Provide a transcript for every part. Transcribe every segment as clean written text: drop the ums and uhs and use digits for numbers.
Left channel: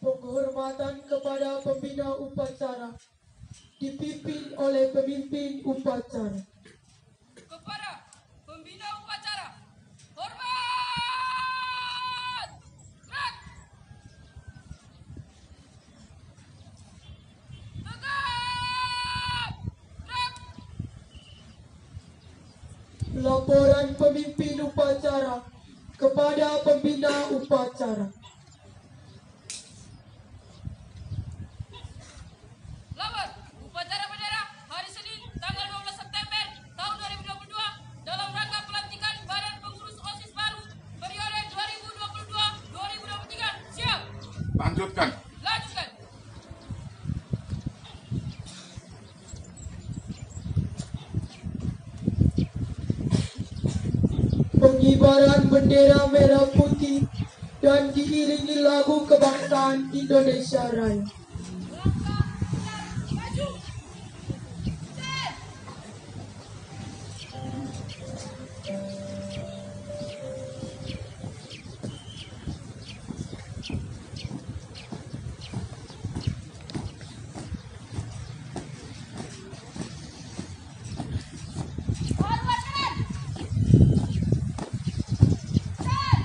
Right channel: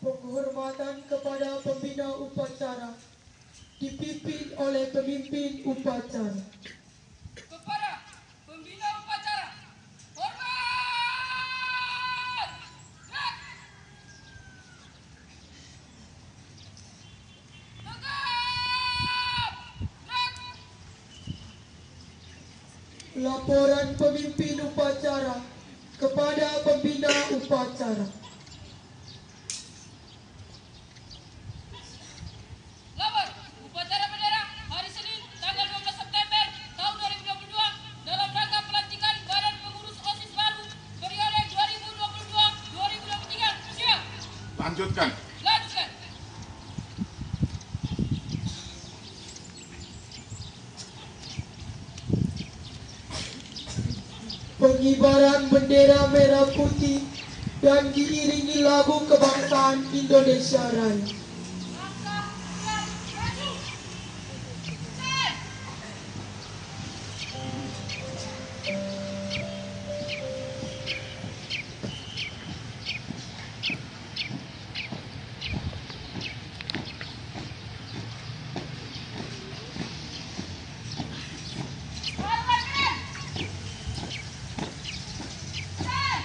Penghormatan kepada pembina upacara dipimpin oleh pemimpin upacara. Kepada pembina upacara, hormat! Gerak! Tegap! Gerak! Laporan pemimpin upacara kepada pembina upacara. Labar, upacara bendera hari Senin tanggal 12 September tahun 2022 dalam rangka pelantikan Badan Pengurus OSIS baru periode 2022-2023. Siap. Lanjutkan. Lanjutkan. Pengibaran bendera merah putih dan diiringi lagu kebangsaan Indonesia Raya. Langkah siap maju. Stand. Hormat keren. Stand.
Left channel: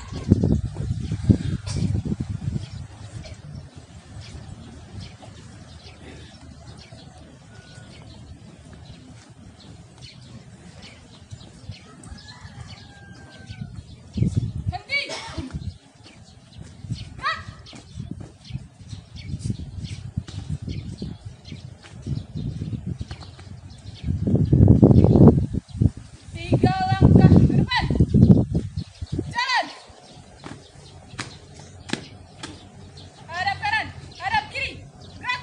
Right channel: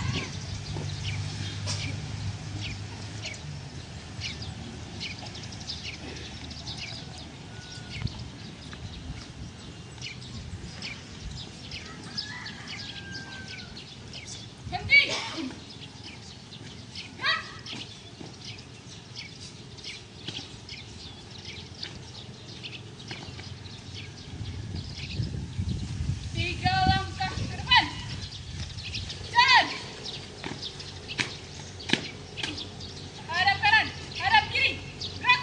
Henti. Gerak. Tiga langkah ke depan. Jalan. Hadap kanan, hadap kiri. Gerak.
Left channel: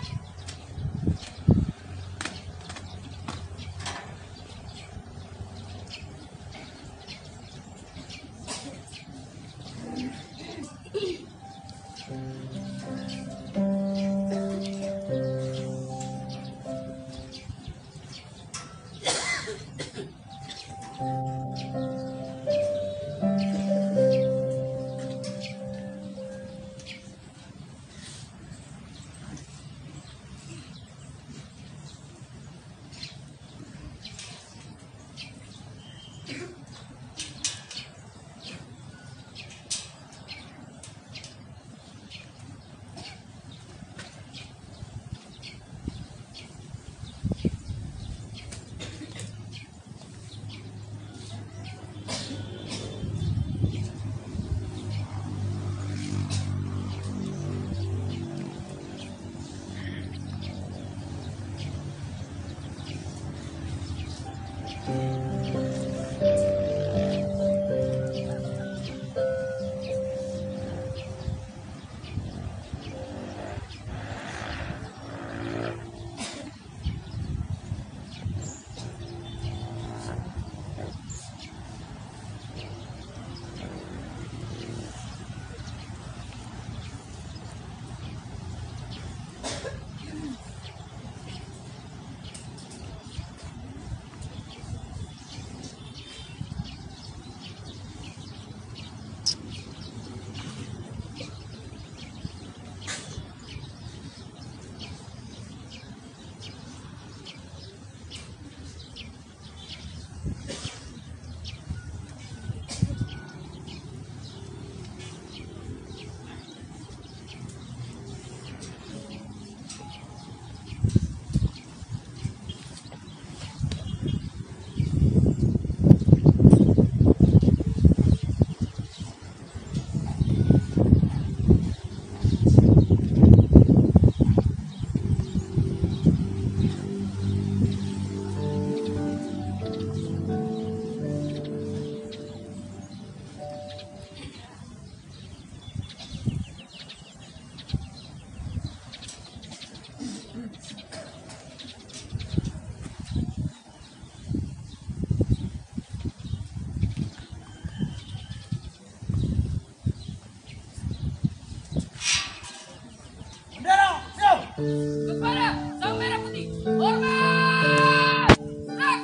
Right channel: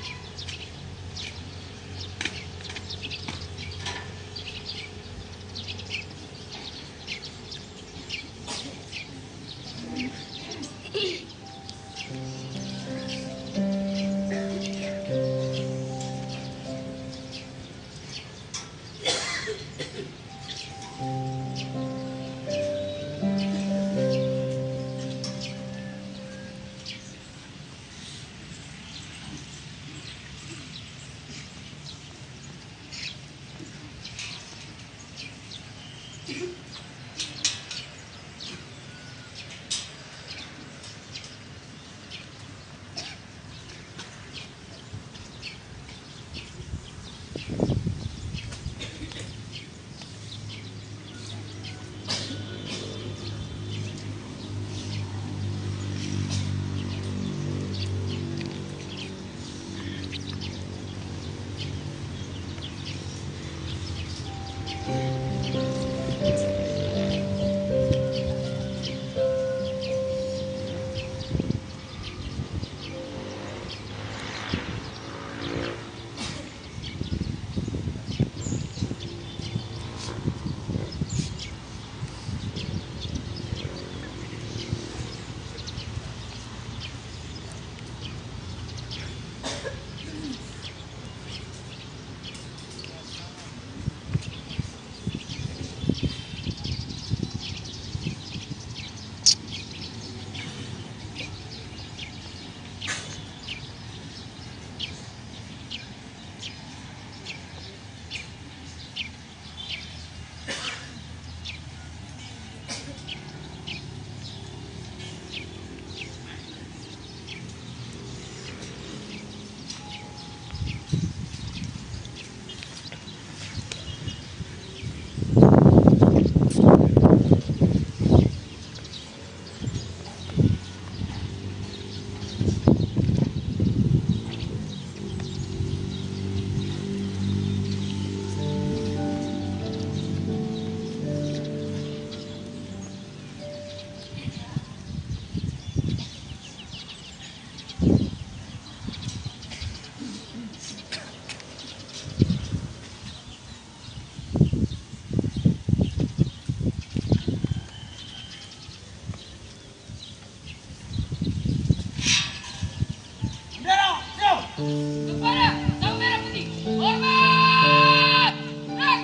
Kepada Sang Merah Putih, hormat! Gerak!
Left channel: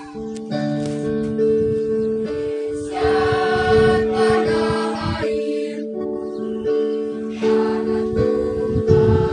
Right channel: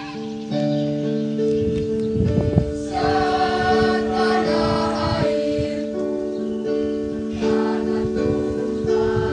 Siap tanah air, tanah tumpah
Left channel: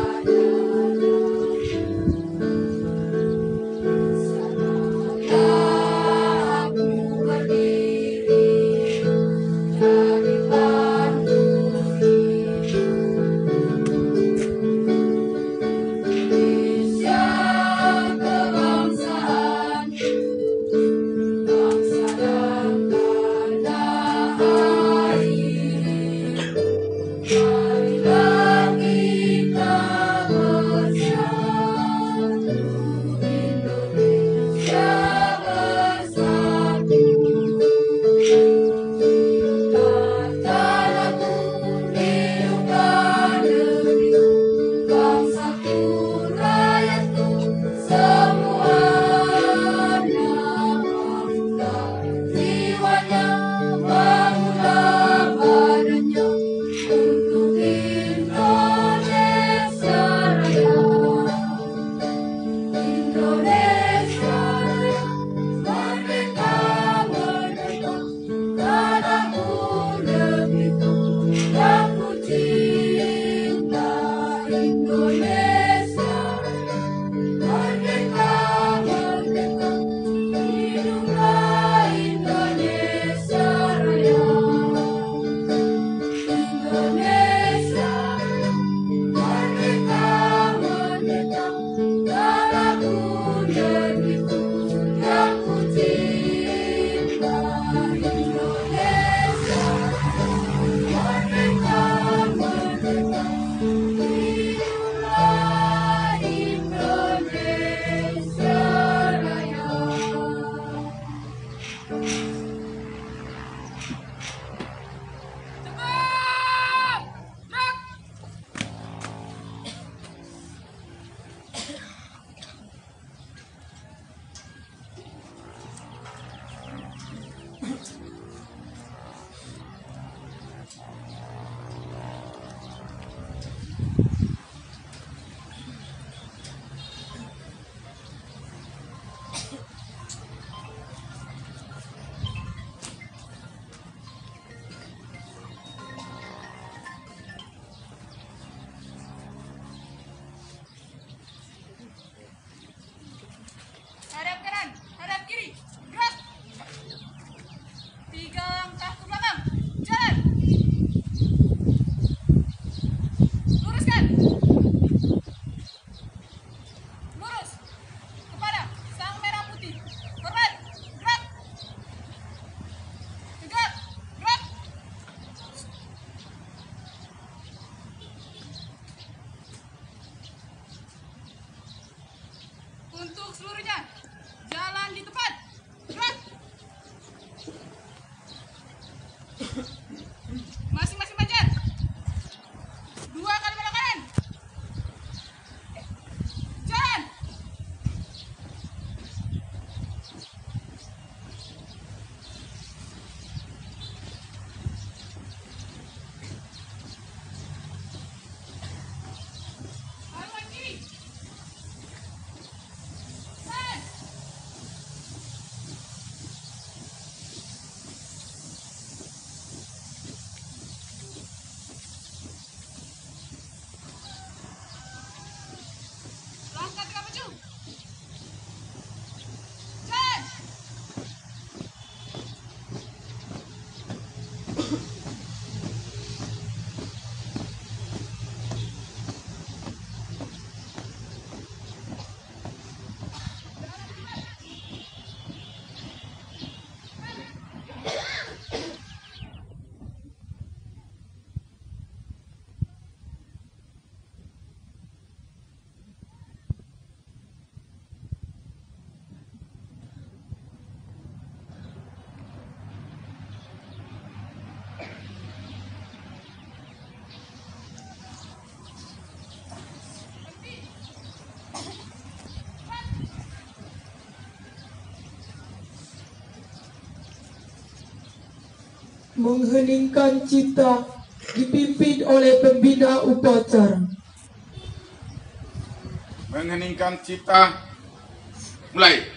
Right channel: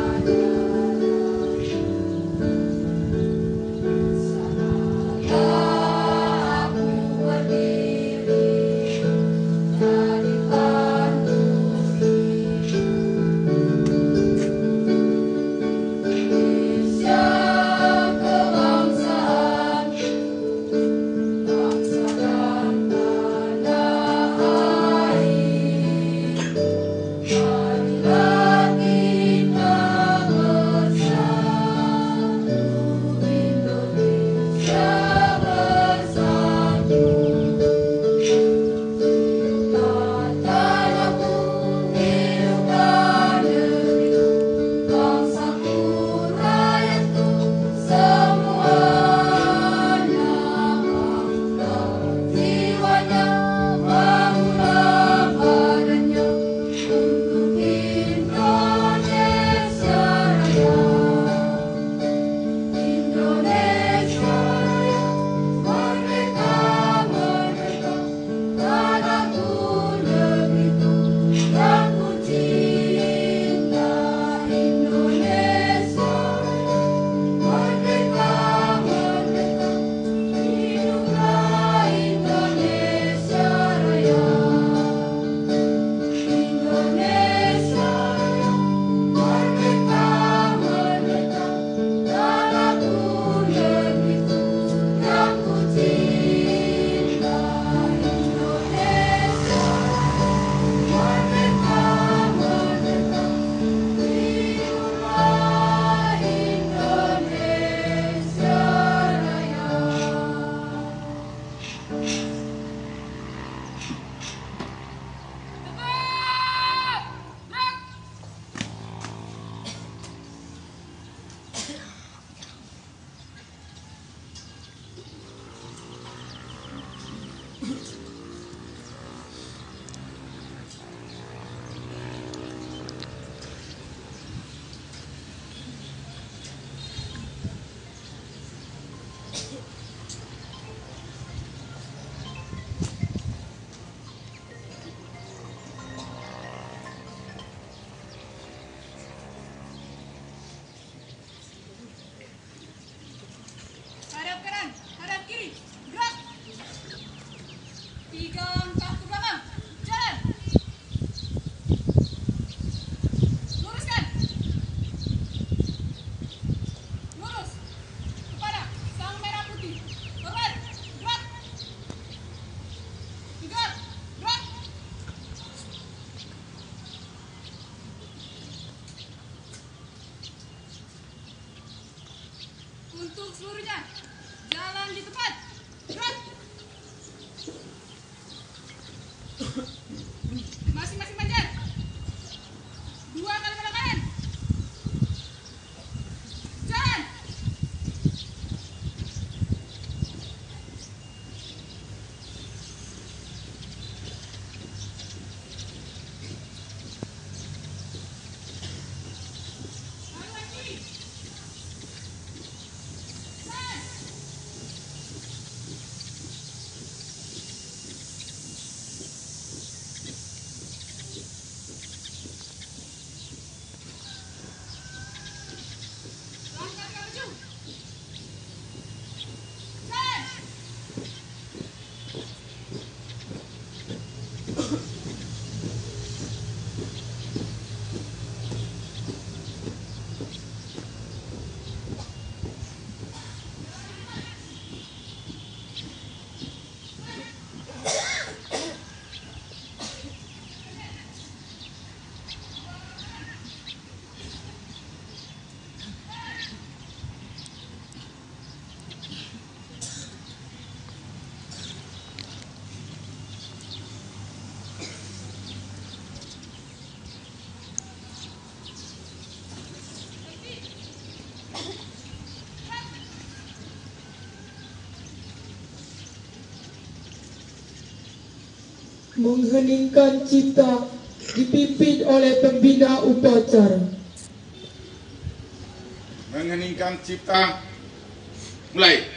untuk seluruhnya. Jalan di tempat. Gerak. Masing-masing manjat. 2 kali belok kanan. Jalan. Haluan kiri. Jalan. Langkah 3 maju. Jalan. Mengheningkan cipta dipimpin oleh pembina upacara. Mengheningkan cipta, mulai.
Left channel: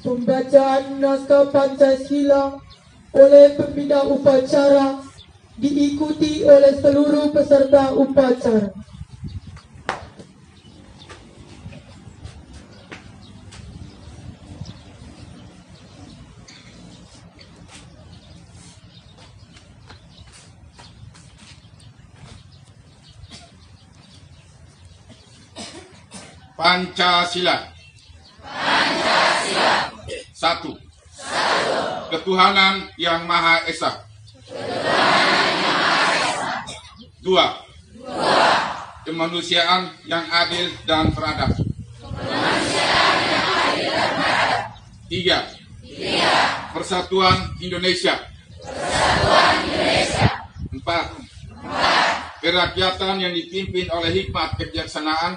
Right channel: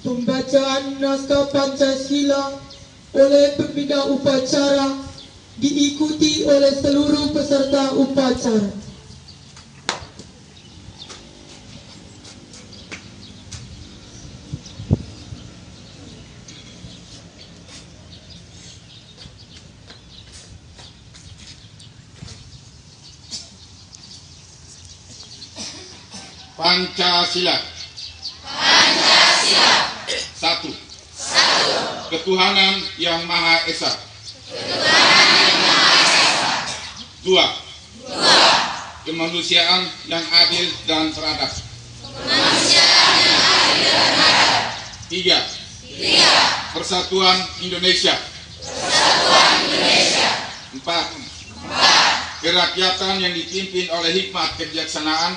Pembacaan naskah Pancasila oleh pembina upacara diikuti oleh seluruh peserta upacara. Pancasila. Pancasila. 1. Ketuhanan yang Maha Esa. 2. Kemanusiaan yang adil dan beradab. 3. Persatuan Indonesia. 4. Kerakyatan yang dipimpin oleh hikmat kebijaksanaan.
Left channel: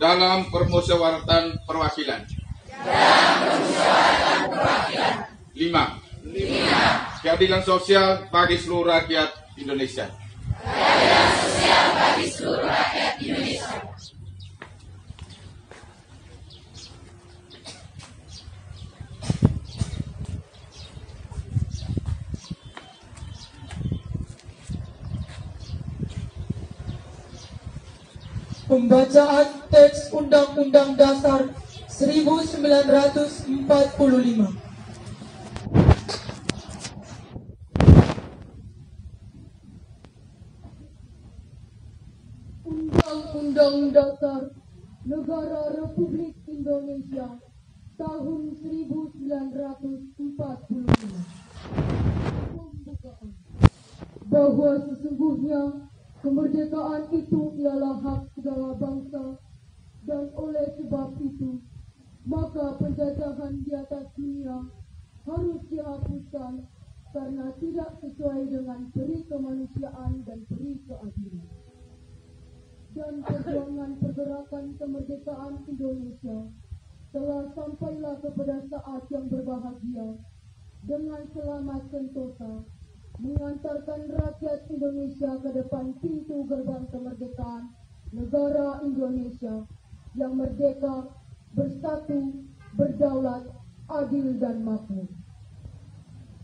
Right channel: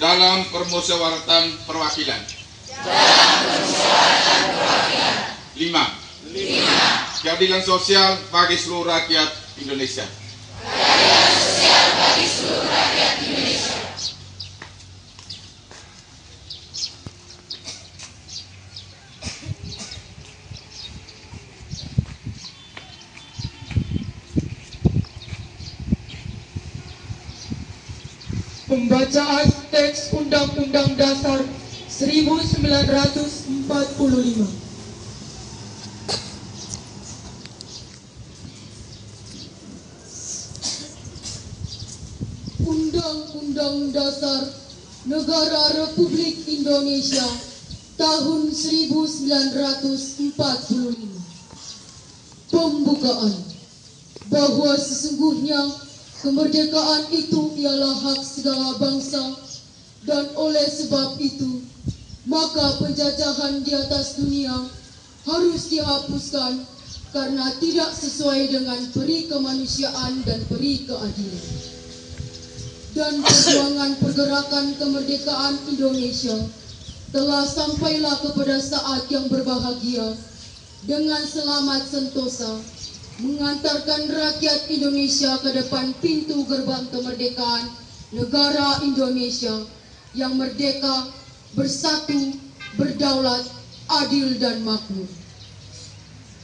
dalam permusyawaratan perwakilan. 5. Keadilan sosial bagi seluruh rakyat Indonesia. Pembacaan teks Undang-Undang Dasar 1945. Undang-Undang Dasar Negara Republik Indonesia tahun 1945. Pembukaan. Bahwa sesungguhnya kemerdekaan itu ialah hak segala bangsa, dan oleh sebab itu maka penjajahan di atas dunia harus dihapuskan karena tidak sesuai dengan peri kemanusiaan dan peri keadilan. Dan perjuangan pergerakan kemerdekaan Indonesia telah sampailah kepada saat yang berbahagia dengan selamat sentosa, mengantarkan rakyat Indonesia ke depan pintu gerbang kemerdekaan negara Indonesia yang merdeka, bersatu, berdaulat, adil dan makmur.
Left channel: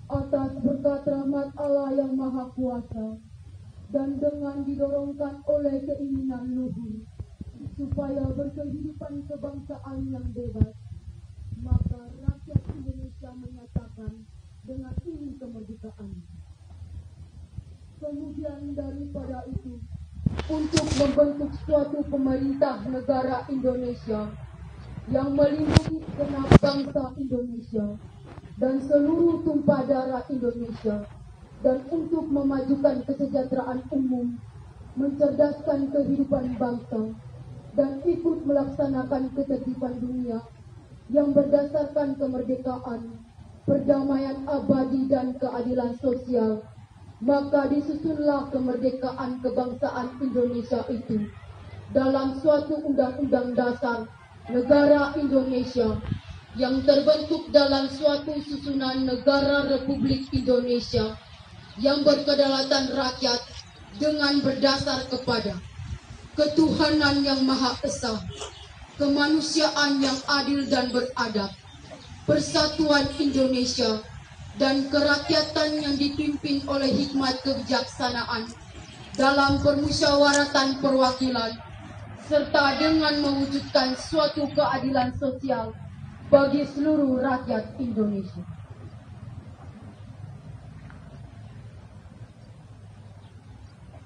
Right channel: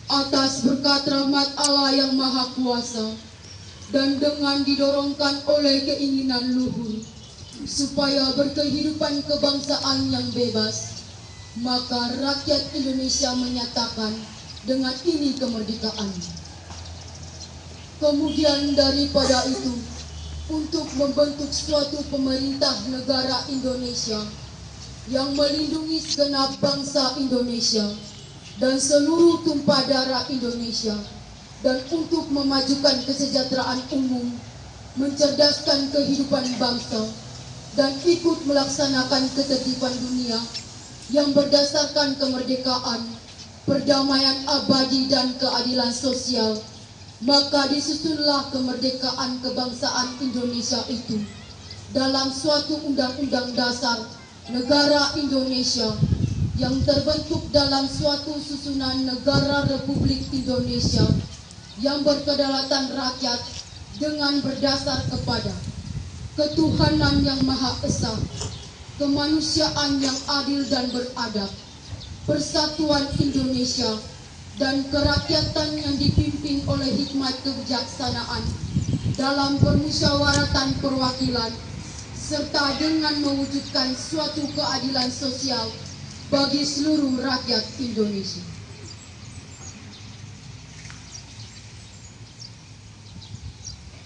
Atas berkat rahmat Allah yang Maha Kuasa dan dengan didorongkan oleh keinginan luhur supaya berkehidupan kebangsaan yang bebas, maka rakyat Indonesia menyatakan dengan ini kemerdekaan. Kemudian daripada itu, untuk membentuk suatu pemerintah negara Indonesia yang melindungi segenap bangsa Indonesia dan seluruh tumpah darah Indonesia, dan untuk memajukan kesejahteraan umum, mencerdaskan kehidupan bangsa, dan ikut melaksanakan ketertiban dunia yang berdasarkan kemerdekaan, perdamaian abadi dan keadilan sosial, maka disusunlah kemerdekaan kebangsaan Indonesia itu dalam suatu undang-undang dasar negara Indonesia yang terbentuk dalam suatu susunan negara Republik Indonesia yang berkedaulatan rakyat dengan berdasar kepada ketuhanan yang Maha Esa, kemanusiaan yang adil dan beradab, persatuan Indonesia, dan kerakyatan yang dipimpin oleh hikmat kebijaksanaan dalam permusyawaratan perwakilan, serta dengan mewujudkan suatu keadilan sosial bagi seluruh rakyat Indonesia.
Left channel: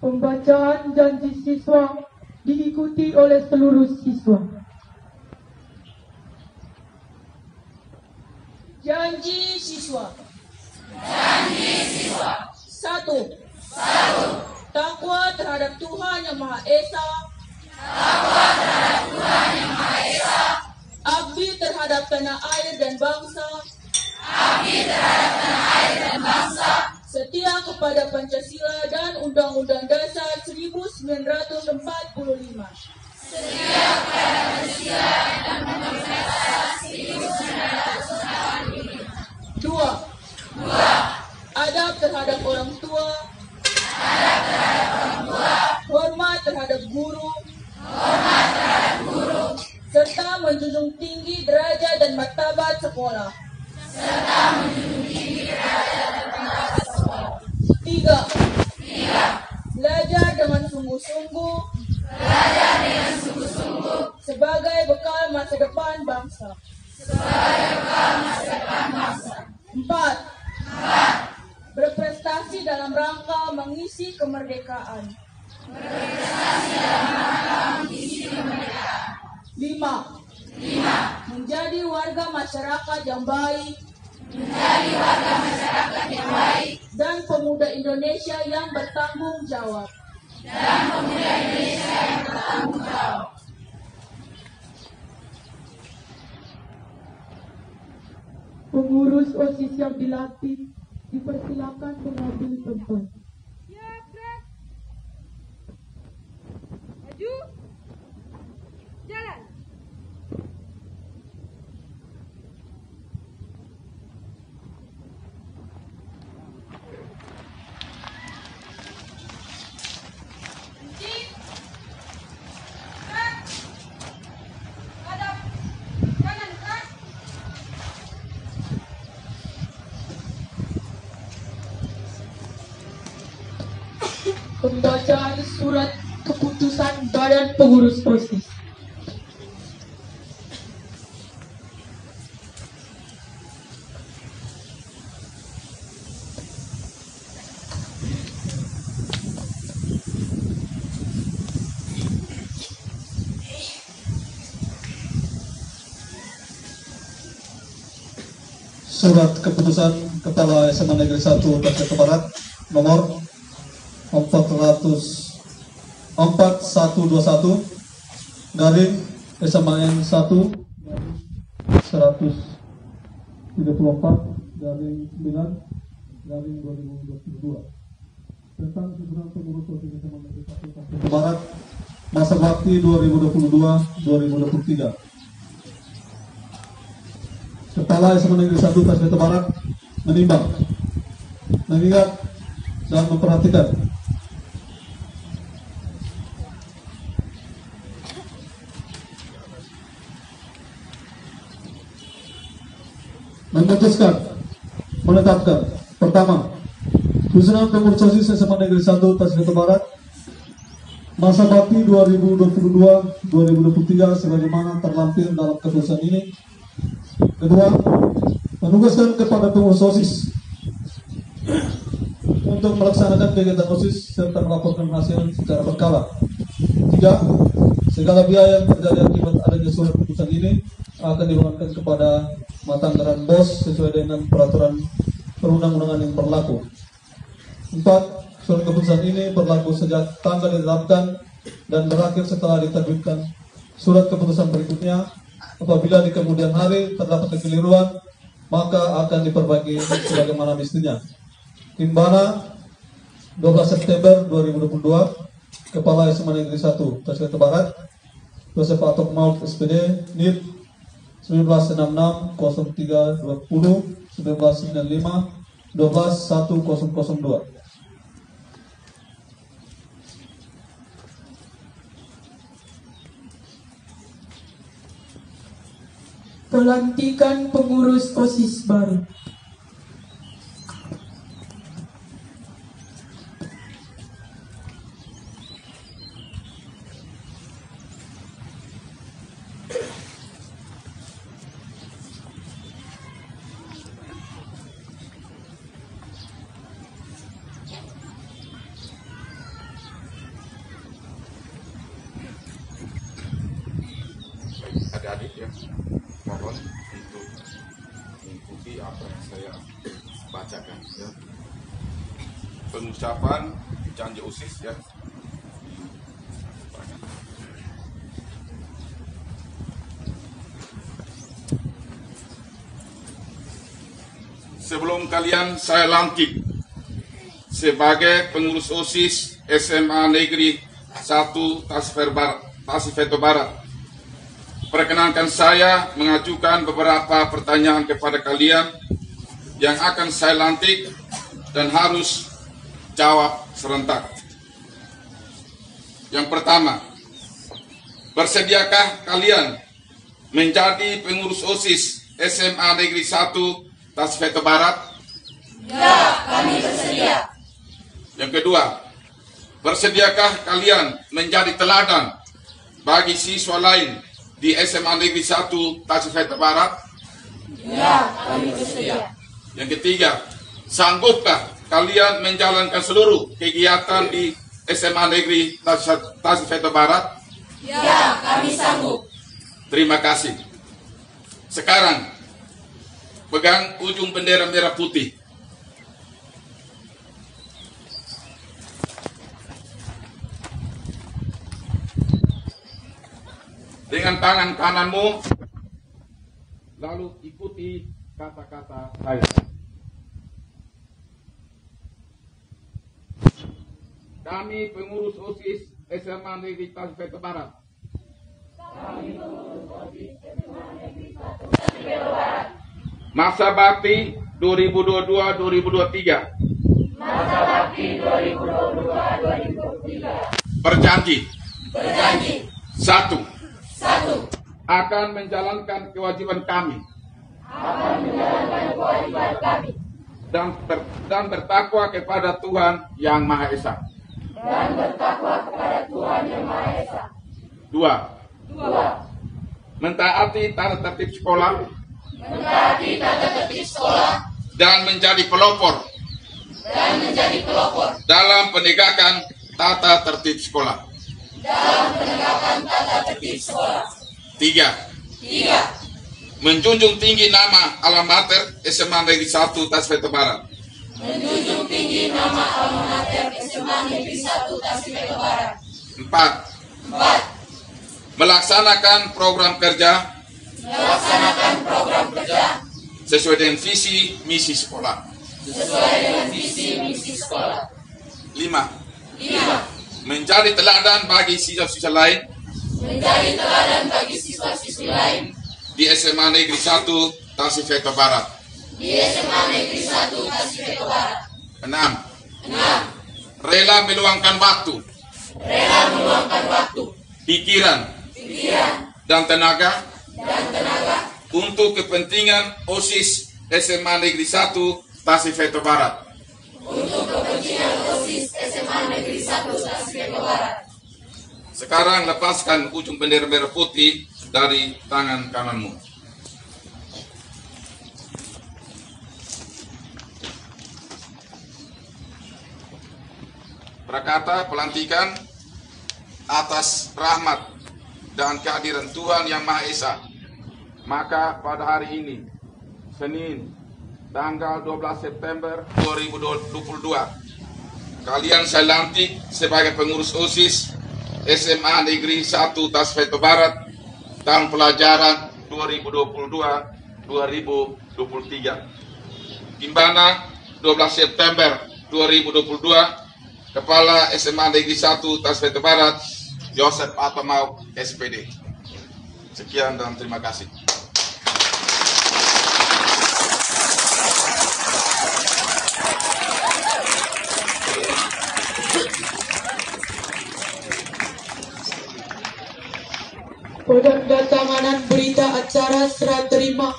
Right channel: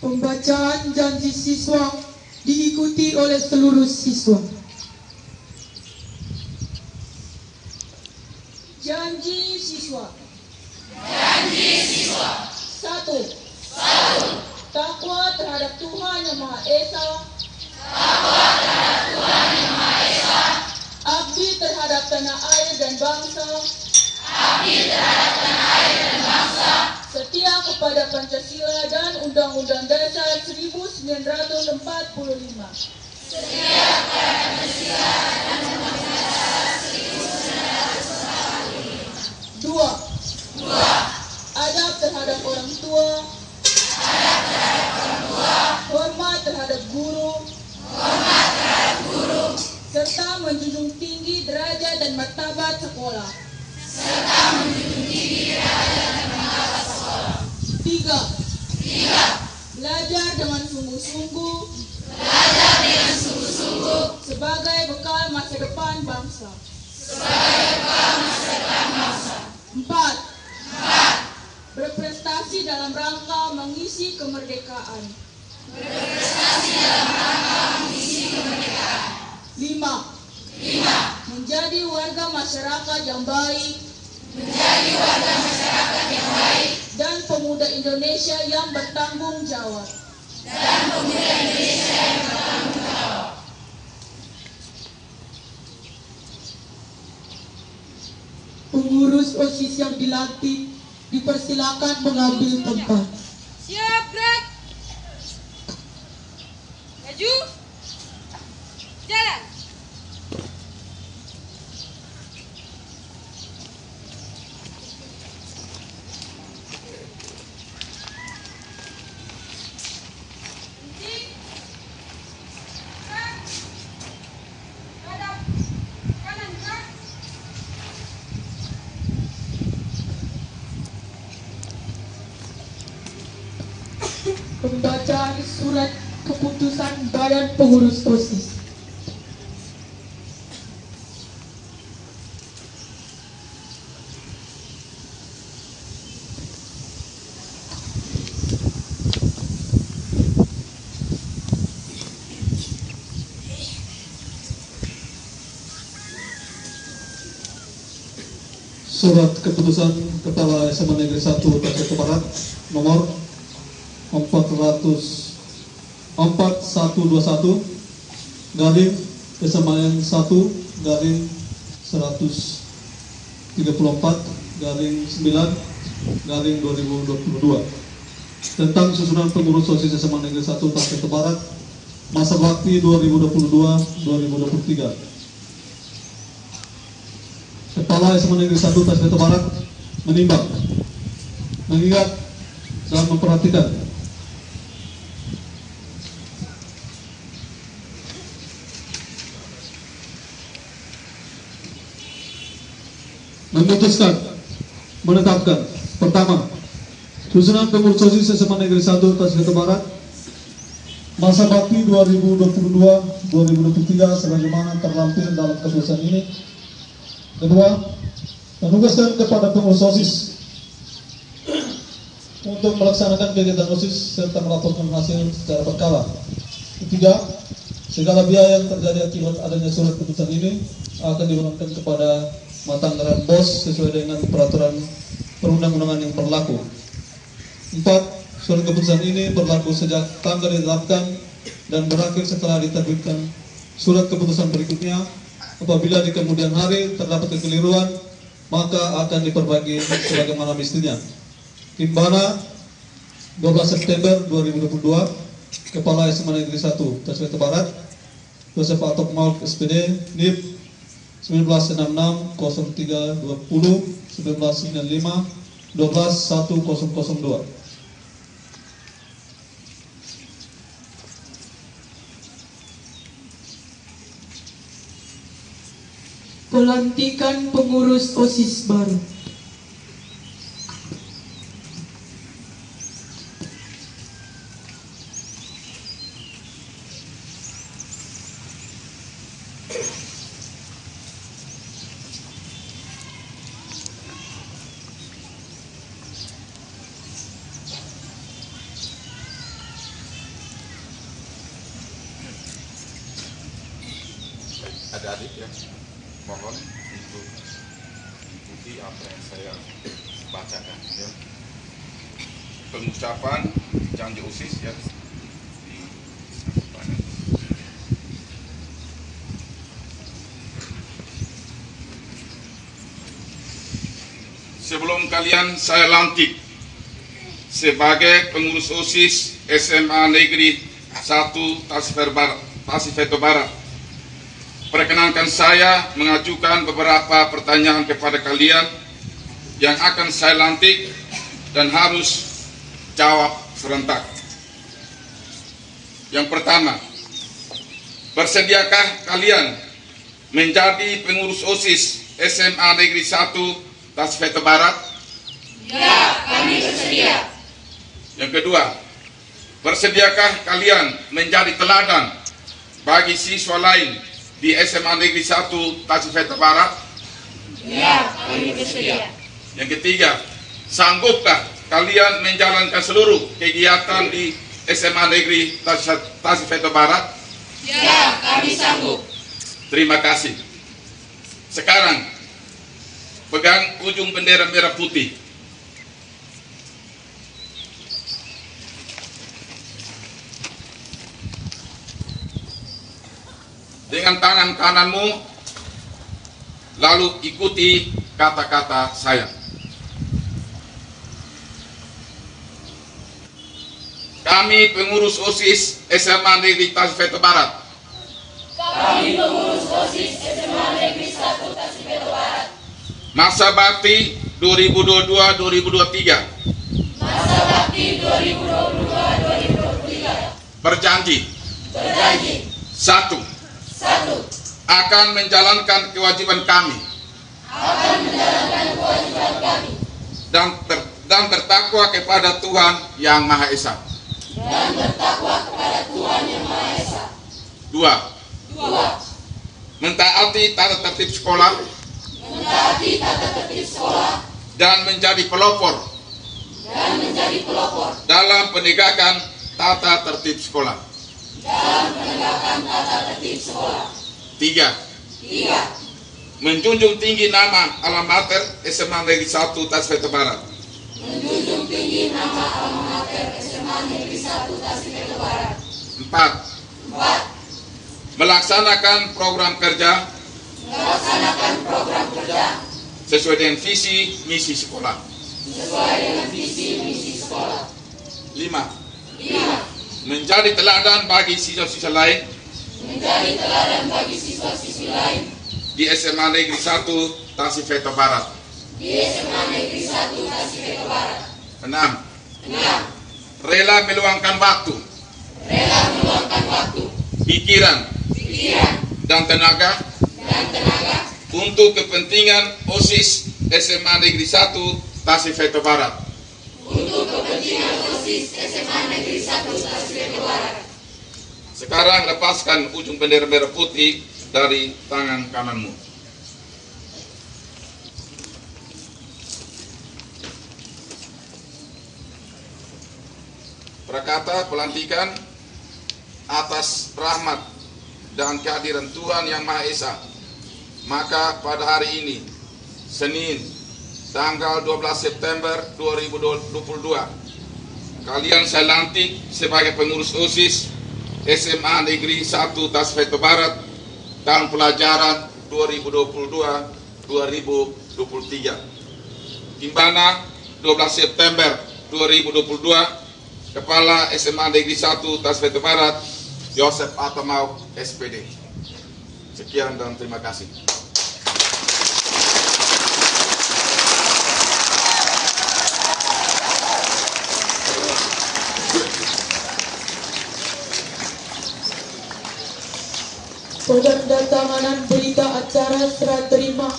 Pembacaan janji siswa diikuti oleh seluruh siswa. Janji siswa. 1. Takwa terhadap Tuhan Yang Maha Esa. Abdi terhadap tanah air dan bangsa. Setia kepada Pancasila dan Undang-Undang Dasar 1945. 2. Adab terhadap orang tua. Hormat terhadap guru. Serta menjunjung tinggi derajat dan martabat sekolah. 3. Belajar dengan sungguh-sungguh. Sebagai bekal masa depan bangsa. 4. Berprestasi dalam rangka mengisi kemerdekaan. 5. Menjadi warga masyarakat yang baik. Dan pemuda Indonesia yang bertanggung jawab. Pengurus OSIS yang dilantik dipersilakan mengambil tempat. Siap, gerak. Maju. Jalan. Berhenti. Gerak. Hadap. Kanan gerak. Pembacaan surat keputusan Badan Pengurus OSIS. Surat keputusan Kepala SMA Negeri 1 Tasik Barat nomor 4121 garing SMAN 1 garing 134 garing 9 garing 2022 tentang susunan pengurus OSIS SMA Negeri 1 Tasik Barat masa bakti 2022-2023. Kepala SMA Negeri 1 Tasik Barat menimbang, mengingat dan memperhatikan memutuskan menetapkan pertama susunan pengurus OSIS SMA Negeri 1 Tasik Barat masa bakti 2022-2023 sebagaimana terlampir dalam keputusan ini. Kedua, menugaskan kepada pengurus OSIS untuk melaksanakan kegiatan OSIS serta melaporkan hasil secara berkala. Tiga, segala biaya yang terjadi akibat adanya surat keputusan ini akan dibebankan kepada mata anggaran BOS sesuai dengan peraturan perundang-undangan yang berlaku. 4. Surat keputusan ini berlaku sejak tanggal ditetapkan dan berakhir setelah diterbitkan surat keputusan berikutnya. Apabila di kemudian hari terdapat kekeliruan, maka akan diperbaiki sebagaimana mestinya. Timbana 12 September 2022, Kepala SMA Negeri 1 Tasik Barat, Joseph Atok Maul SPD, NIP 1966 03 20 1995 12 1002. Pelantikan pengurus OSIS baru. Adik-adik ya, mohon untuk mengikuti apa yang saya bacakan ya. Pengucapan janji OSIS ya di depan. Sebelum kalian saya lantik sebagai pengurus OSIS SMA Negeri 1 Tasik Barat, perkenankan saya mengajukan beberapa pertanyaan kepada kalian yang akan saya lantik dan harus jawab serentak. Yang pertama, bersediakah kalian menjadi pengurus OSIS SMA Negeri 1 Tasik Barat? Ya, kami bersedia. Yang kedua, bersediakah kalian menjadi teladan bagi siswa lain di SMA Negeri 1 Tasik Barat? Ya, kami bersedia. Yang ketiga, sanggupkah kalian menjalankan seluruh kegiatan di SMA Negeri Tasik Barat? Ya, kami sanggup. Terima kasih. Sekarang, pegang ujung bendera merah putih. Dengan tangan kananmu, lalu ikuti kata-kata saya. Kami pengurus OSIS SMA Negeri Tasifeto Barat. Kami pengurus OSIS SMA Negeri 1 Tasifeto Barat. Masa bakti 2022-2023. Masa bakti 2022-2023. Berjanji. Satu. Akan menjalankan kewajiban kami. Dan bertakwa kepada Tuhan Yang Maha Esa. Dua. Mentaati tata tertib sekolah. Dan menjadi pelopor. Dalam penegakan tata tertib sekolah. Tiga. Menjunjung tinggi nama alma mater SMA Negeri 1 Tasifeto Barat. Empat. Melaksanakan program kerja sesuai dengan visi misi sekolah. Lima. Menjadi teladan bagi siswa-siswa lain di SMA Negeri 1 Tasifeto Barat. Enam. Rela meluangkan waktu, pikiran, dan tenaga untuk kepentingan OSIS SMA Negeri 1 Tasifeto Barat. Sekarang lepaskan ujung bendera merah putih dari tangan kananmu. Prakata pelantikan atas rahmat dan kehadiran Tuhan Yang Maha Esa. Maka pada hari ini, Senin, tanggal 12 September 2022, kalian saya lantik sebagai pengurus OSIS SMA Negeri 1 Tasifeto Barat tahun pelajaran 2022-2023. Di mana 12 September 2022, Kepala SMA Negeri 1 Tasifeto Barat, Yosef Atamau, SPD. Sekian dan terima kasih. Penandatanganan berita acara serah terima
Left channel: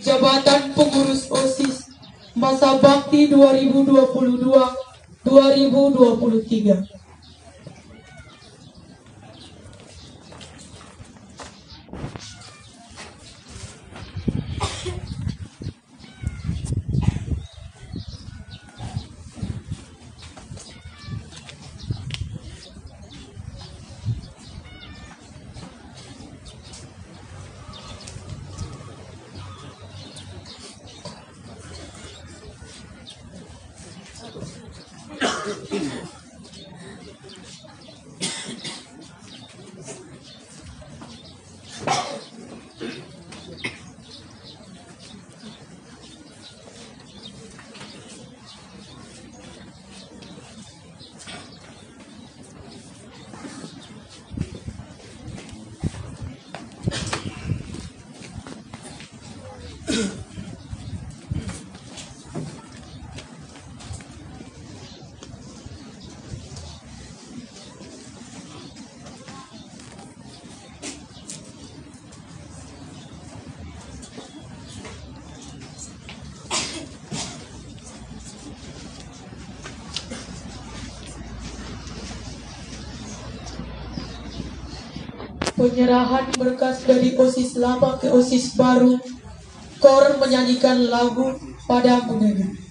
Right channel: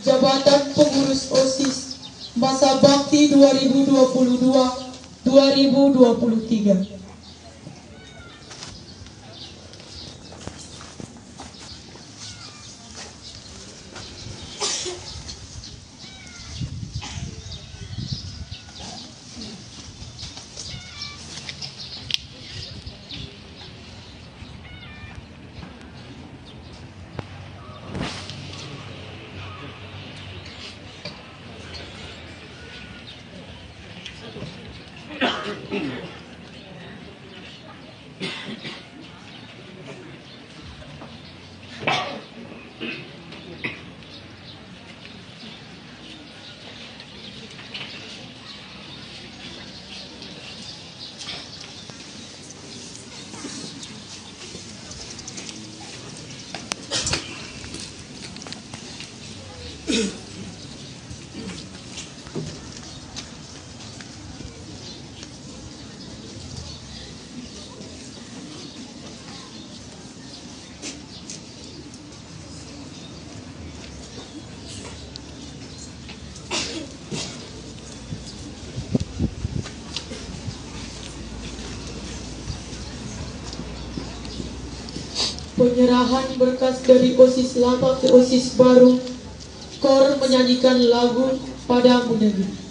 jabatan pengurus OSIS masa bakti 2022-2023. Penyerahan berkas dari OSIS lama ke OSIS baru. KOR menyanyikan lagu Padamu Negeri.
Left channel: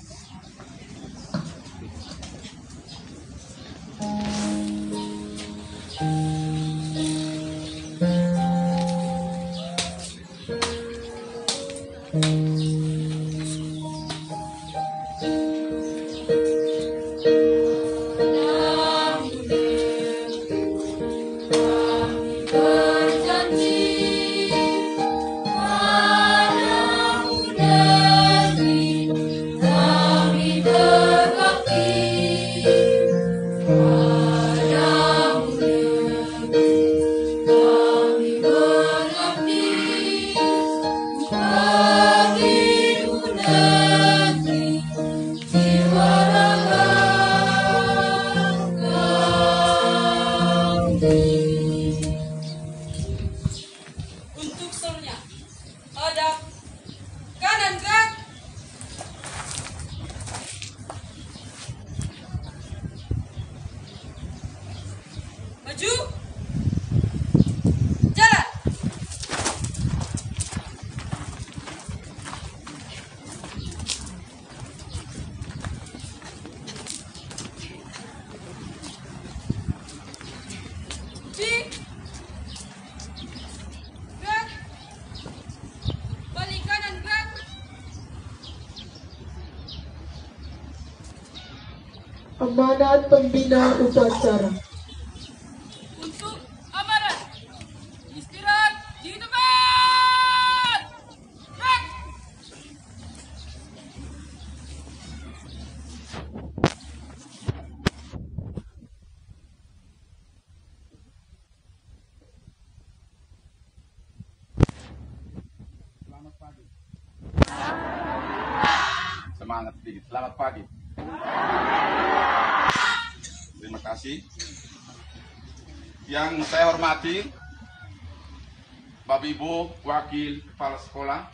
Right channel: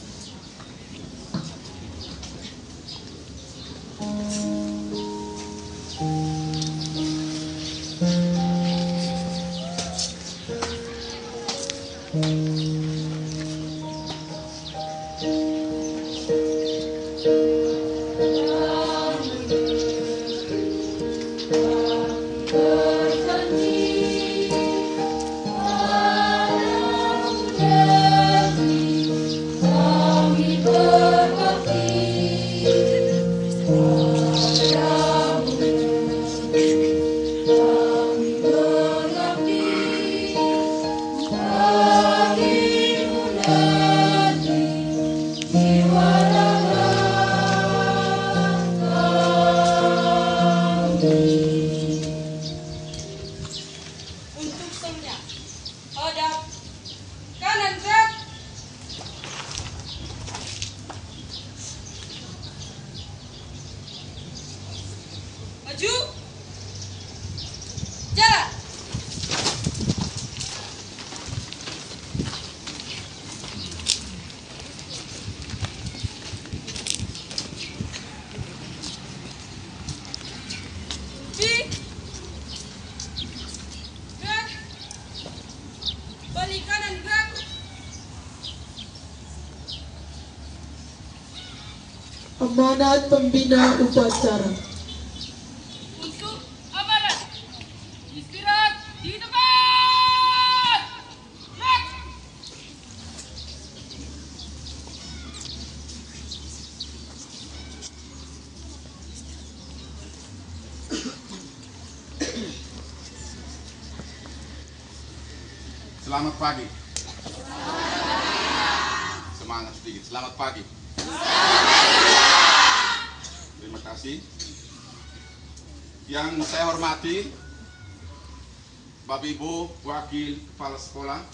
Berjanji padamu negeri. Maju. Jalan. Balik kanan gerak. Amanat pembina upacara. Untuk amanat. Istirahat di tempat. Gerak. Selamat pagi. Semangat sedikit. Selamat pagi. Terima kasih. Yang saya hormati Bapak Ibu Wakil Kepala Sekolah,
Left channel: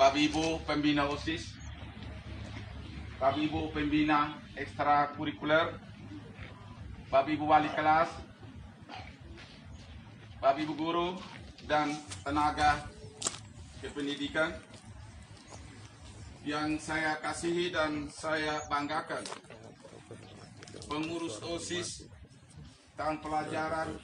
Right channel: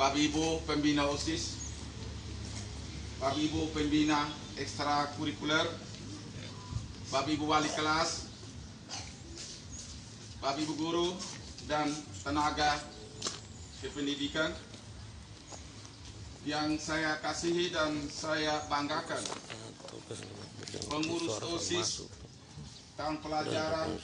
Bapak Ibu Pembina OSIS, Bapak Ibu Pembina Ekstrakurikuler, Bapak Ibu Wali Kelas, Bapak Ibu Guru, dan tenaga kependidikan yang saya kasihi dan saya banggakan. Pengurus OSIS tahun pelajaran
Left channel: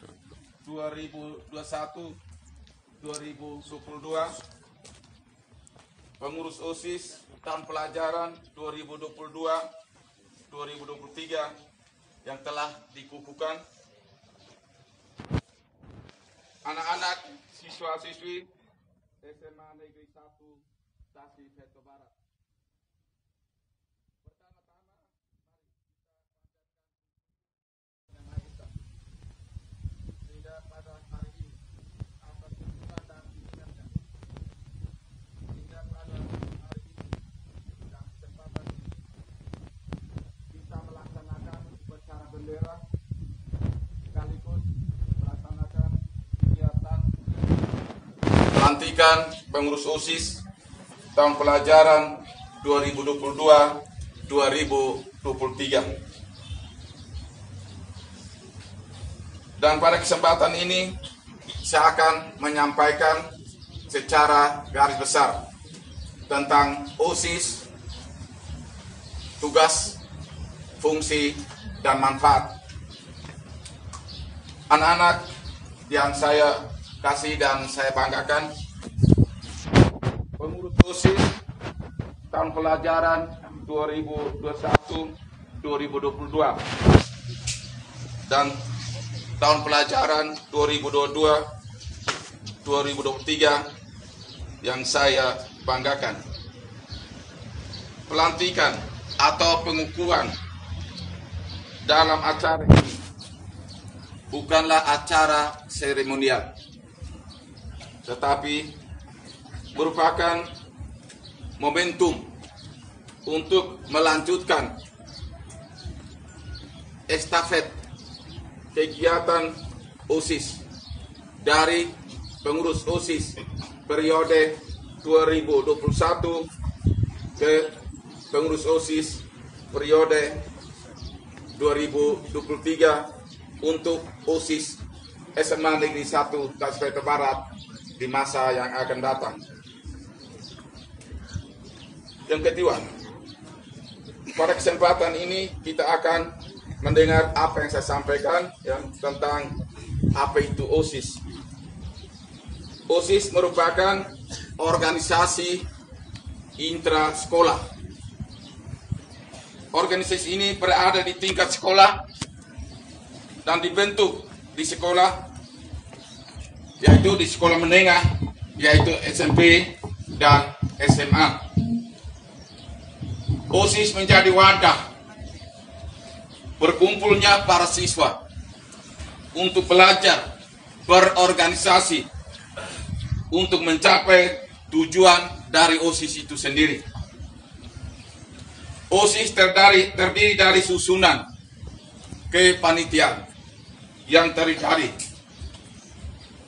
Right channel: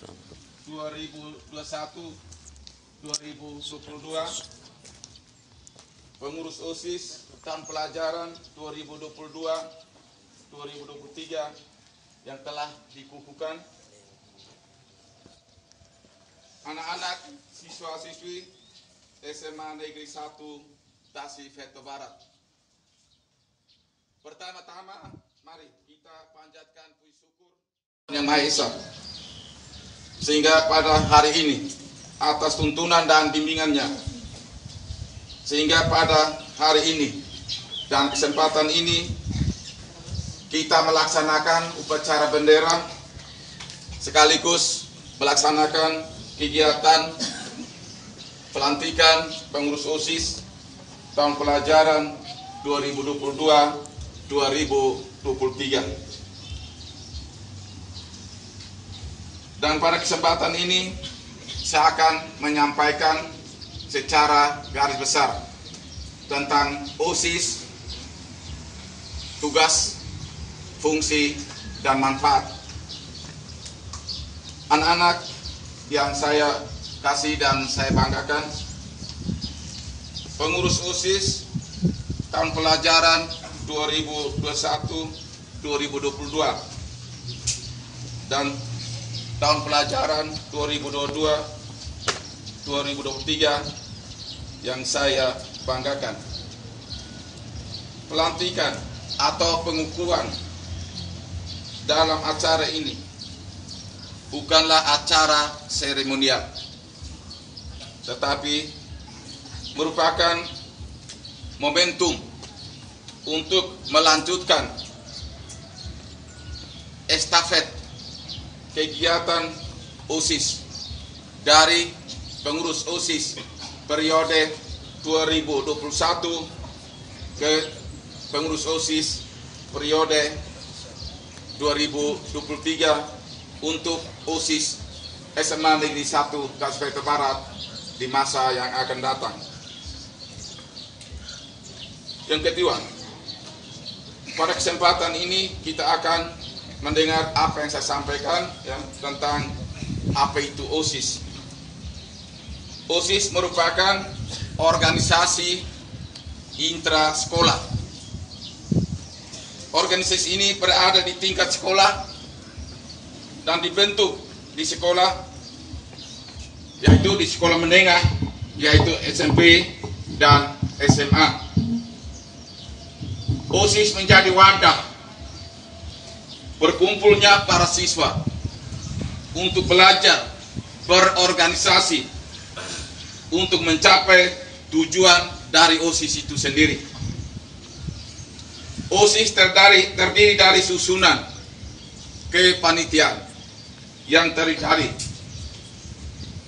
2021-2022, pengurus OSIS tahun pelajaran 2022-2023 yang telah dikukuhkan, anak-anak siswa-siswi SMA Negeri 1 Tasik Veto Barat. Pertama-tama, mari kita panjatkan puji syukur Yang Maha Esa, sehingga pada hari ini atas tuntunan dan bimbingannya, sehingga pada hari ini dan kesempatan ini kita melaksanakan upacara bendera sekaligus melaksanakan kegiatan pelantikan pengurus OSIS tahun pelajaran 2022-2023. Dan pada kesempatan ini saya akan menyampaikan secara garis besar tentang OSIS, tugas, fungsi, dan manfaat. Anak-anak yang saya kasih dan saya banggakan, pengurus OSIS tahun pelajaran 2021-2022 dan tahun pelajaran 2022-2023 yang saya banggakan. Pelantikan atau pengukuhan dalam acara ini bukanlah acara seremonial, tetapi merupakan momentum untuk melanjutkan estafet kegiatan OSIS dari pengurus OSIS periode 2021 ke pengurus OSIS periode 2023 untuk OSIS SMA Negeri 1 Tasik Veto Barat di masa yang akan datang. Yang kedua, pada kesempatan ini kita akan mendengar apa yang saya sampaikan tentang apa itu OSIS. OSIS merupakan organisasi intra sekolah. Organisasi ini berada di tingkat sekolah dan dibentuk di sekolah, yaitu di sekolah menengah, yaitu SMP dan SMA. OSIS menjadi wadah berkumpulnya para siswa untuk belajar berorganisasi untuk mencapai tujuan dari OSIS itu sendiri. OSIS terdiri dari susunan kepanitiaan yang terdiri dari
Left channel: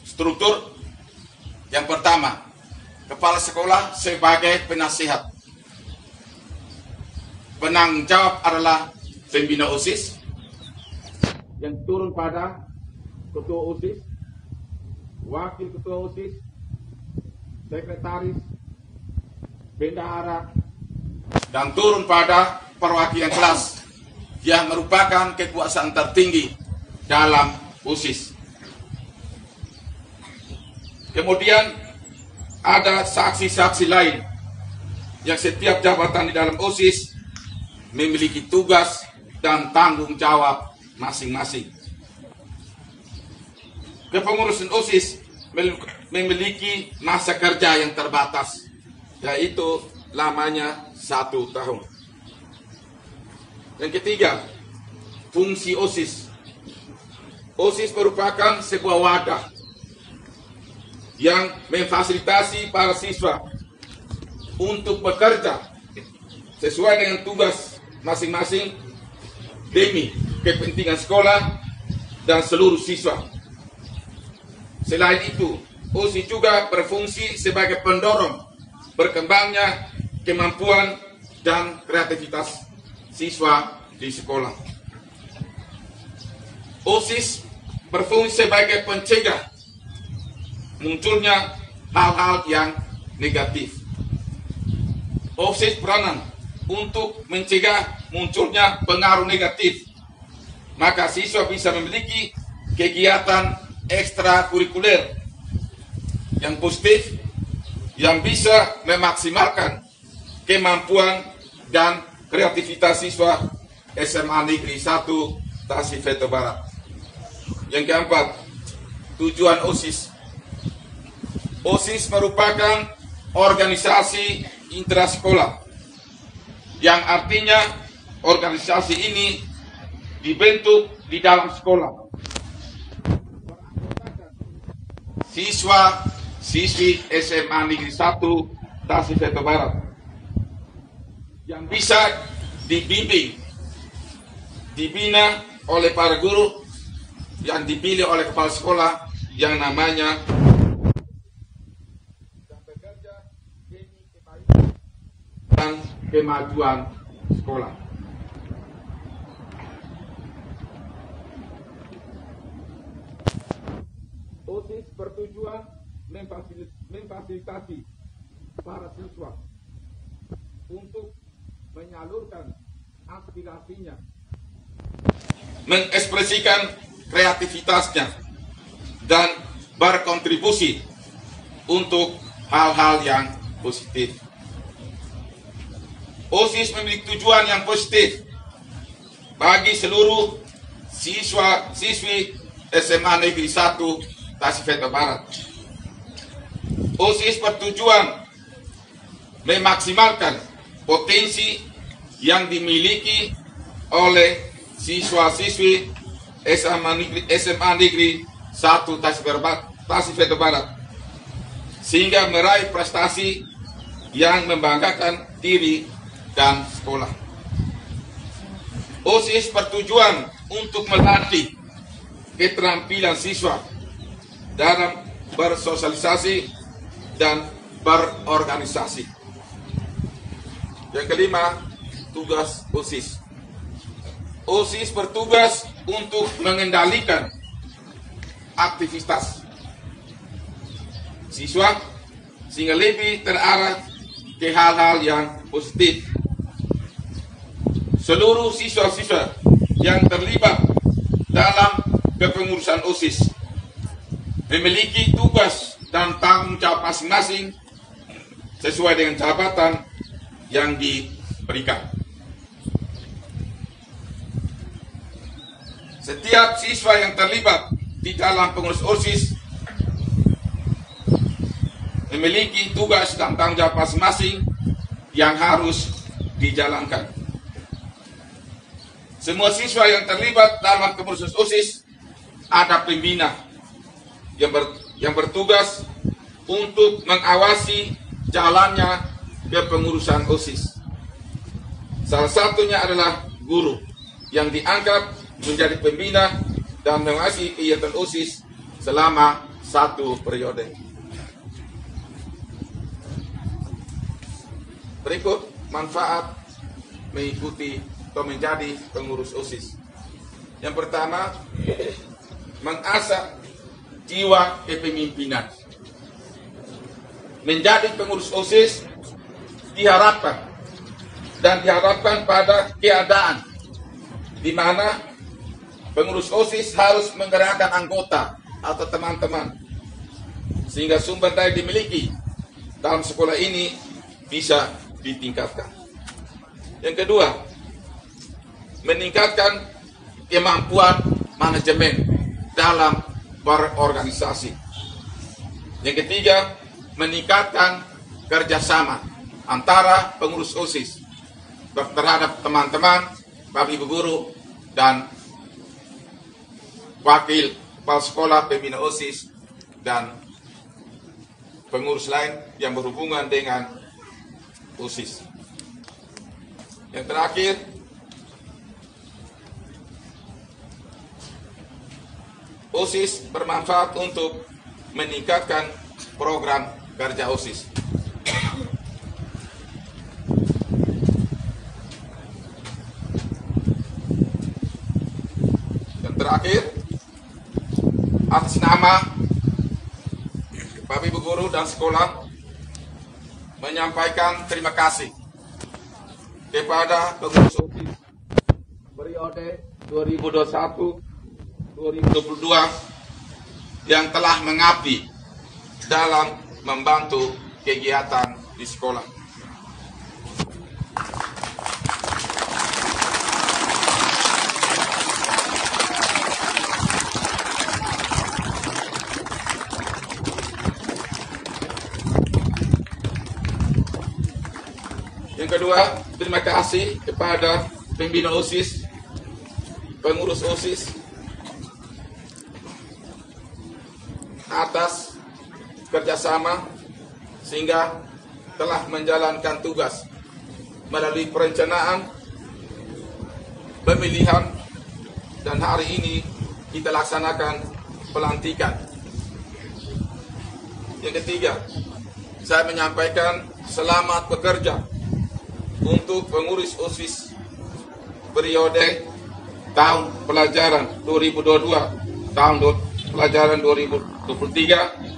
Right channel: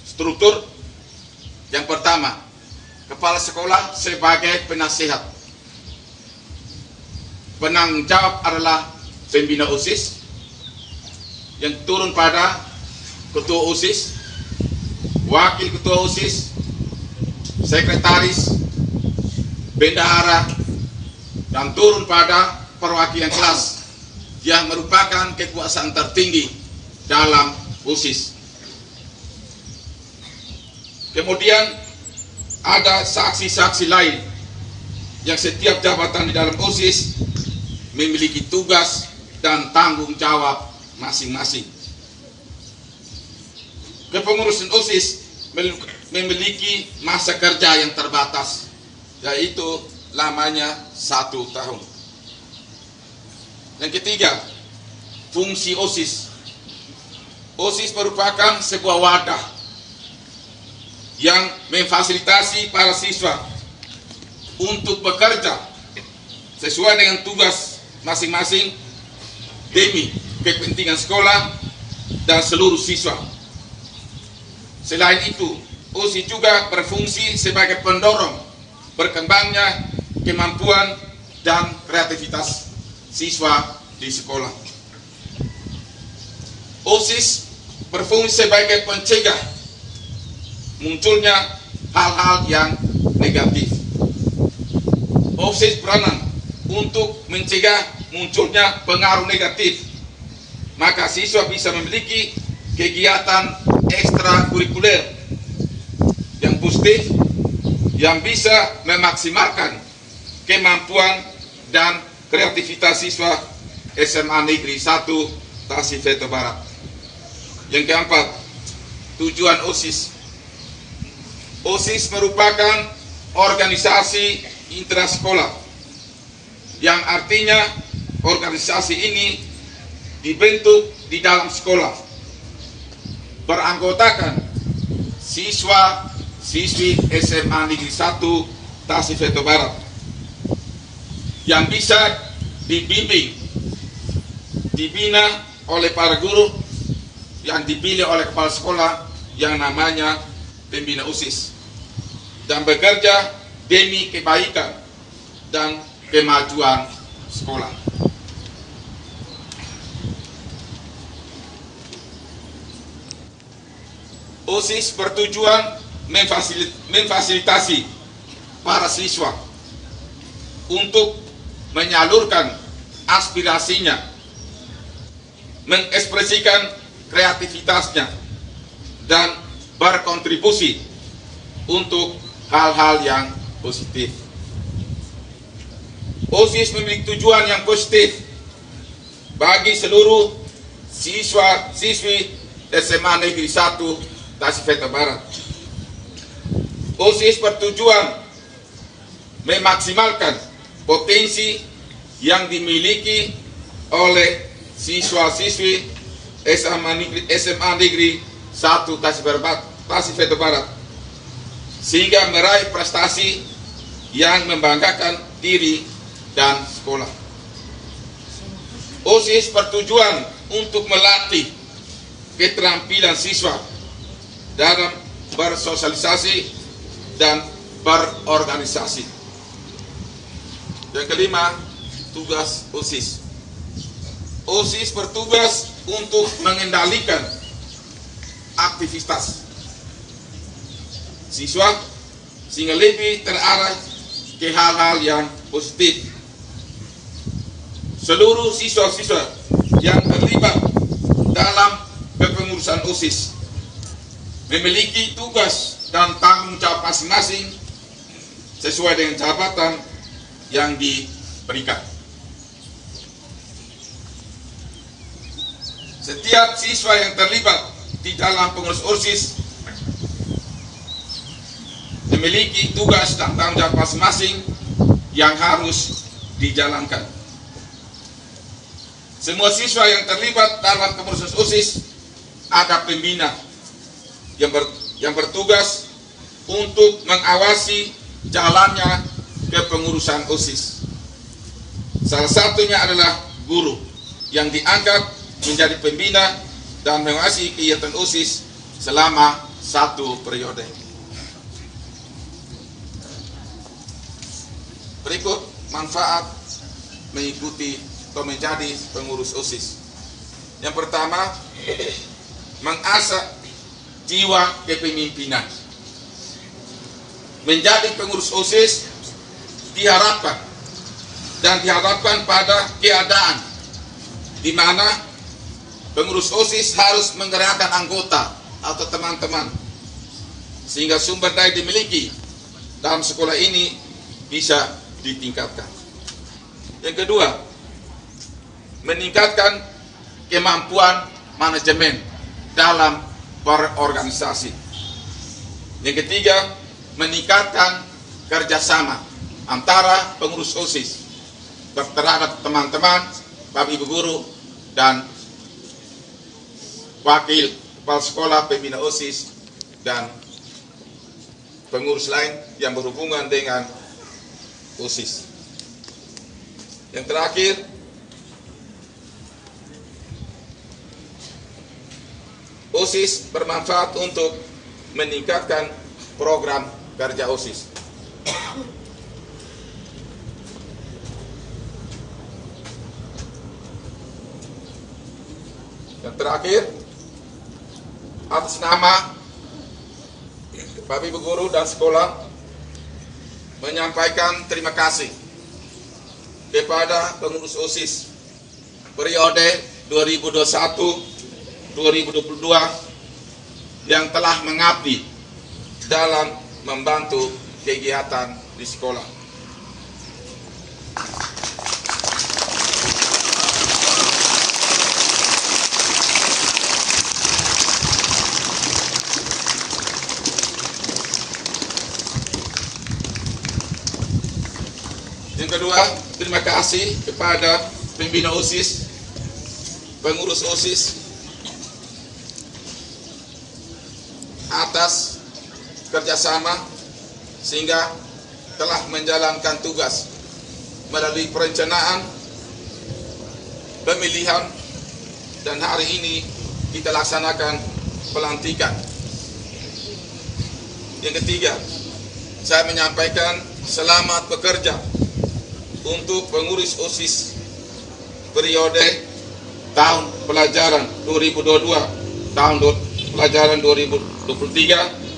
struktur. Yang pertama, kepala sekolah sebagai penasihat. Penanggung jawab adalah pembina OSIS. yang turun pada ketua OSIS, wakil ketua OSIS, sekretaris, bendahara, dan turun pada perwakilan kelas yang merupakan kekuasaan tertinggi dalam OSIS. Kemudian ada saksi-saksi lain yang setiap jabatan di dalam OSIS memiliki tugas dan tanggung jawab masing-masing. Kepengurusan OSIS memiliki masa kerja yang terbatas, yaitu lamanya 1 tahun. Yang ketiga, fungsi OSIS. OSIS merupakan sebuah wadah yang memfasilitasi para siswa untuk bekerja sesuai dengan tugas masing-masing demi kepentingan sekolah dan seluruh siswa. Selain itu, OSIS juga berfungsi sebagai pendorong berkembangnya kemampuan dan kreativitas siswa di sekolah. OSIS berfungsi sebagai pencegah munculnya hal-hal yang negatif. OSIS beranan untuk mencegah munculnya pengaruh negatif, maka siswa bisa memiliki kegiatan ekstrakurikuler yang positif yang bisa memaksimalkan kemampuan dan kreativitas siswa SMA Negeri 1 Tasifeto Barat. Yang keempat, tujuan OSIS. OSIS merupakan organisasi intrasekolah yang artinya organisasi ini dibentuk di dalam sekolah, beranggotakan siswa-siswi SMA Negeri 1 Tasifeto Barat yang bisa dibimbing, dibina oleh para guru yang dipilih oleh kepala sekolah yang namanya pembina OSIS, dan bekerja demi kebaikan dan kemajuan sekolah. OSIS bertujuan memfasilitasi para siswa untuk menyalurkan aspirasinya, mengekspresikan kreativitasnya, dan berkontribusi untuk hal-hal yang positif. OSIS memiliki tujuan yang positif bagi seluruh siswa-siswi SMA Negeri 1 Tasifeto Barat. OSIS bertujuan memaksimalkan potensi yang dimiliki oleh siswa-siswi SMA Negeri 1 Tasifeto Barat sehingga meraih prestasi yang membanggakan diri dan sekolah. OSIS bertujuan untuk melatih keterampilan siswa dalam bersosialisasi dan berorganisasi. Yang kelima, tugas OSIS. OSIS bertugas untuk mengendalikan aktivitas siswa sehingga lebih terarah ke hal-hal yang positif. Seluruh siswa-siswa yang terlibat dalam kepengurusan OSIS memiliki tugas dan tanggung jawab masing-masing sesuai dengan jabatan yang diberikan. Setiap siswa yang terlibat di dalam pengurus OSIS memiliki tugas dan tanggung jawab masing-masing yang harus dijalankan. Semua siswa yang terlibat dalam kepengurusan OSIS ada pembina yang bertugas untuk mengawasi jalannya kepengurusan OSIS. Salah satunya adalah guru yang diangkat menjadi pembina dan mengawasi kegiatan OSIS selama 1 periode. Berikut manfaat mengikuti atau menjadi pengurus OSIS. Yang pertama, mengasah jiwa kepemimpinan. Menjadi pengurus OSIS diharapkan pada keadaan di mana pengurus OSIS harus menggerakkan anggota atau teman-teman sehingga sumber daya dimiliki dalam sekolah ini bisa ditingkatkan. Yang kedua, meningkatkan kemampuan manajemen dalam berorganisasi. Yang ketiga, meningkatkan kerjasama antara pengurus OSIS terhadap teman-teman, Bapak Ibu guru, dan wakil kepala sekolah, pembina OSIS, dan pengurus lain yang berhubungan dengan OSIS. Yang terakhir, OSIS bermanfaat untuk meningkatkan program kerja OSIS. Yang terakhir, atas nama Bapak Ibu guru dan sekolah menyampaikan terima kasih kepada pengurus OSIS periode 2021-2022 yang telah mengabdi dalam membantu kegiatan di sekolah. Yang kedua, terima kasih kepada pembina OSIS, pengurus OSIS atas kerjasama sehingga telah menjalankan tugas melalui perencanaan, pemilihan, dan hari ini kita laksanakan pelantikan. Yang ketiga, saya menyampaikan selamat bekerja untuk pengurus OSIS periode tahun pelajaran 2022 tahun pelajaran 2023.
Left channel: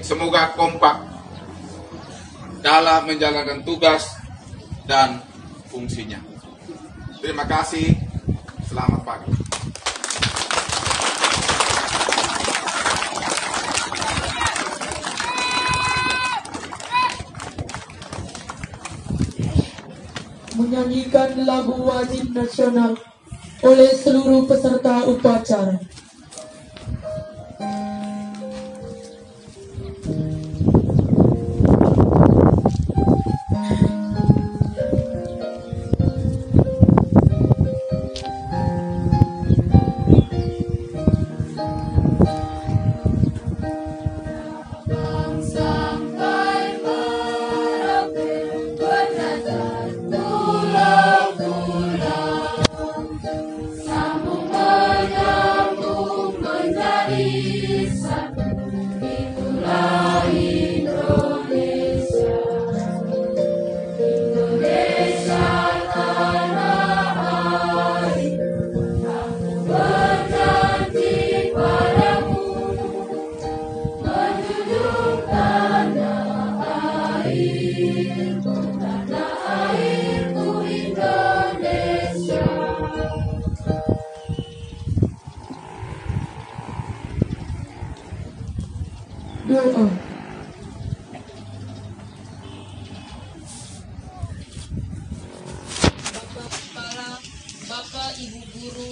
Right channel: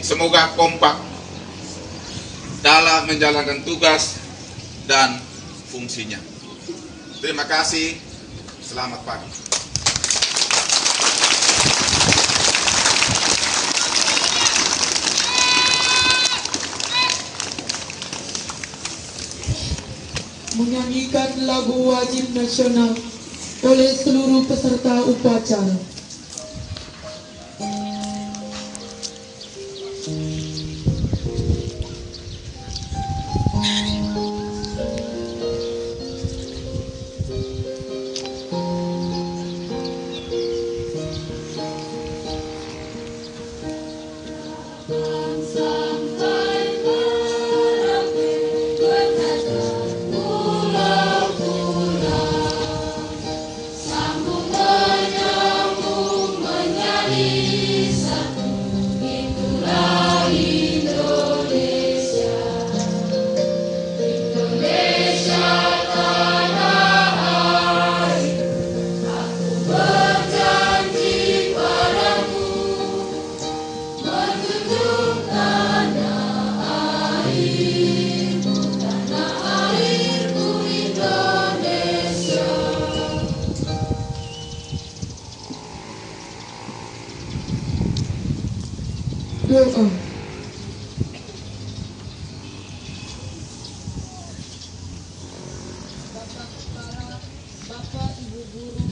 Semoga kompak dalam menjalankan tugas dan fungsinya. Terima kasih. Selamat pagi. Menyanyikan lagu wajib nasional oleh seluruh peserta upacara. Doa. Bapak Kepala, Bapak Ibu Guru,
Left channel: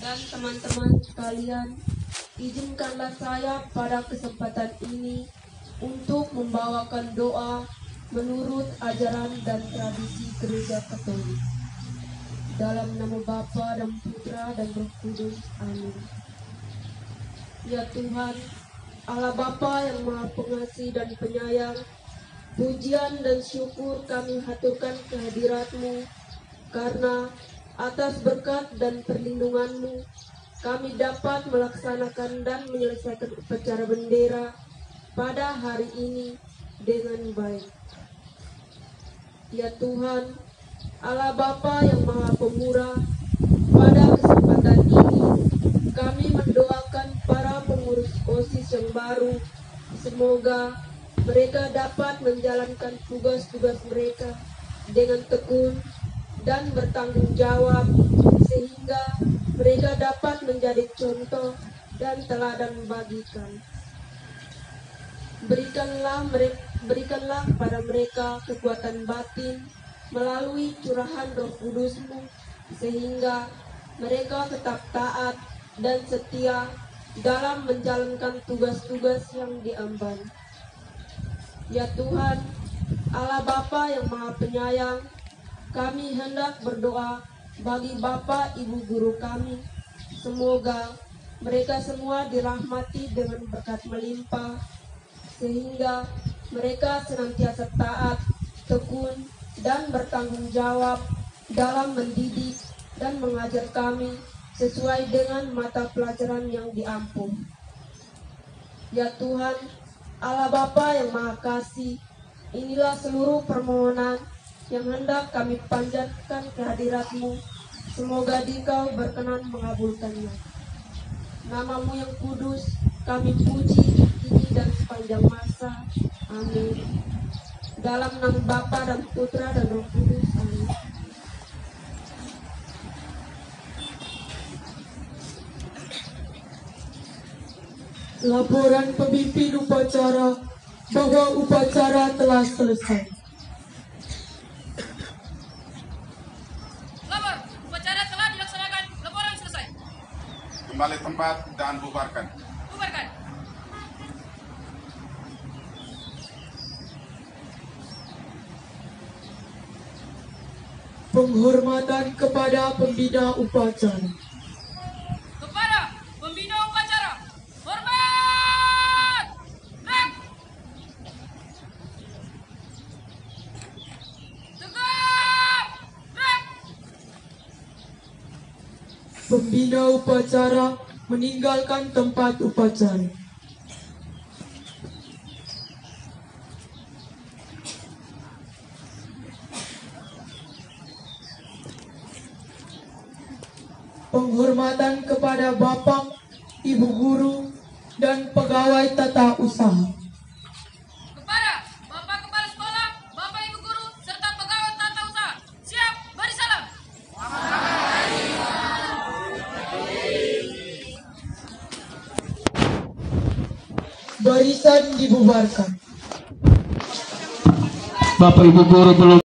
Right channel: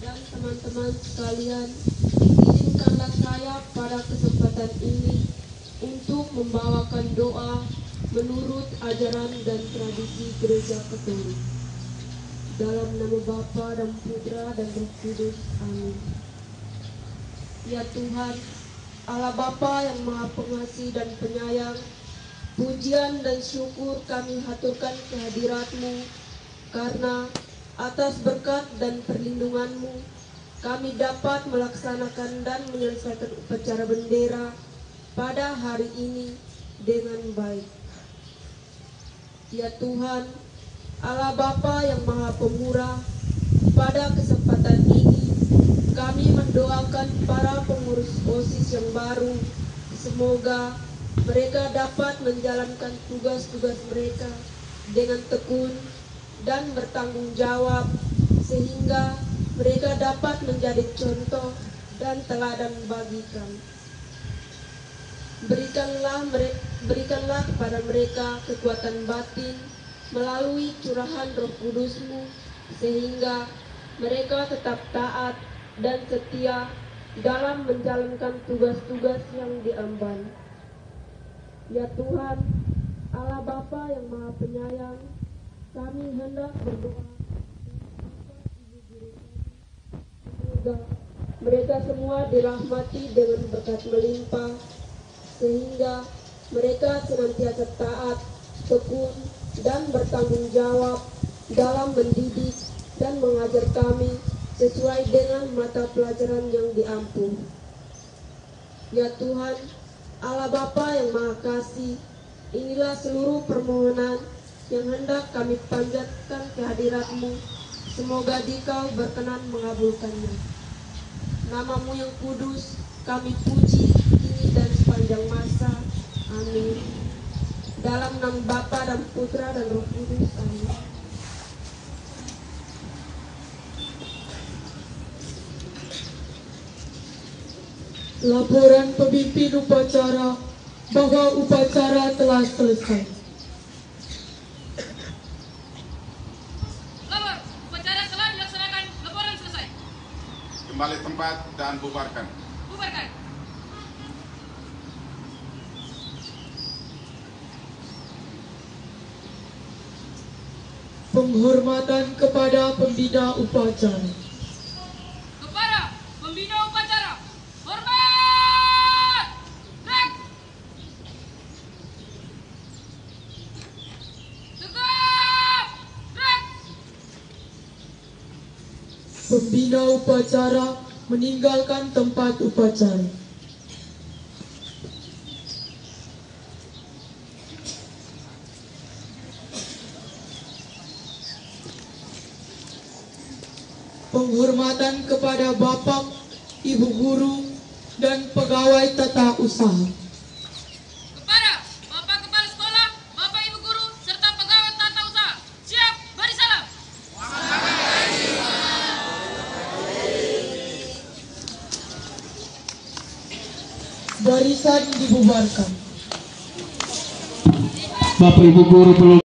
dan teman-teman sekalian, izinkanlah saya pada kesempatan ini untuk membawakan doa menurut ajaran dan tradisi Gereja Katolik. Dalam nama Bapa dan Putra dan Roh Kudus. Amin. Ya Tuhan, Allah Bapa yang Maha Pengasih dan Penyayang, pujian dan syukur kami haturkan kehadirat-Mu, karena atas berkat dan perlindungan-Mu, kami dapat melaksanakan dan menyelesaikan upacara bendera pada hari ini dengan baik. Ya Tuhan, Allah Bapa yang Maha Pemurah, Pada kesempatan ini, kami mendoakan para pengurus OSIS yang baru. Semoga mereka dapat menjalankan tugas-tugas mereka dengan tekun dan bertanggung jawab, sehingga mereka dapat menjadi contoh dan teladan bagikan. Berikanlah kepada mereka kekuatan batin melalui curahan Roh Kudus-Mu, sehingga mereka tetap taat dan setia dalam menjalankan tugas-tugas yang diemban. Ya Tuhan, Allah Bapa yang Maha Penyayang, kami hendak berdoa bagi Bapak Ibu guru kami. Semoga mereka semua dirahmati dengan berkat melimpah, sehingga mereka senantiasa taat, tekun, dan bertanggung jawab dalam mendidik dan mengajar kami sesuai dengan mata pelajaran yang diampu. Ya Tuhan, Allah Bapa yang Maha Kasih, inilah seluruh permohonan yang hendak kami panjatkan kehadirat-Mu. Semoga Dikau berkenan mengabulkannya. Nama-Mu yang kudus kami puji kini dan sepanjang masa. Amin. Dalam nama Bapa dan Putra dan Roh Kudus. Amin. Laporan pemimpin upacara bahwa upacara telah selesai. Lapor, upacara telah dilaksanakan. Laporan selesai. Kembali tempat dan bubarkan. Bubarkan. Penghormatan kepada pembina upacara. Kepada pembina upacara, hormat! Gerak! Tegak! Gerak! Pembina upacara meninggalkan tempat upacara. Penghormatan kepada Bapak, Ibu guru, dan pegawai tata usaha. Kepada Bapak Kepala Sekolah, Bapak Ibu Guru, serta pegawai tata usaha. Siap, beri salam. Barisan dibubarkan. Bapak Ibu guru belum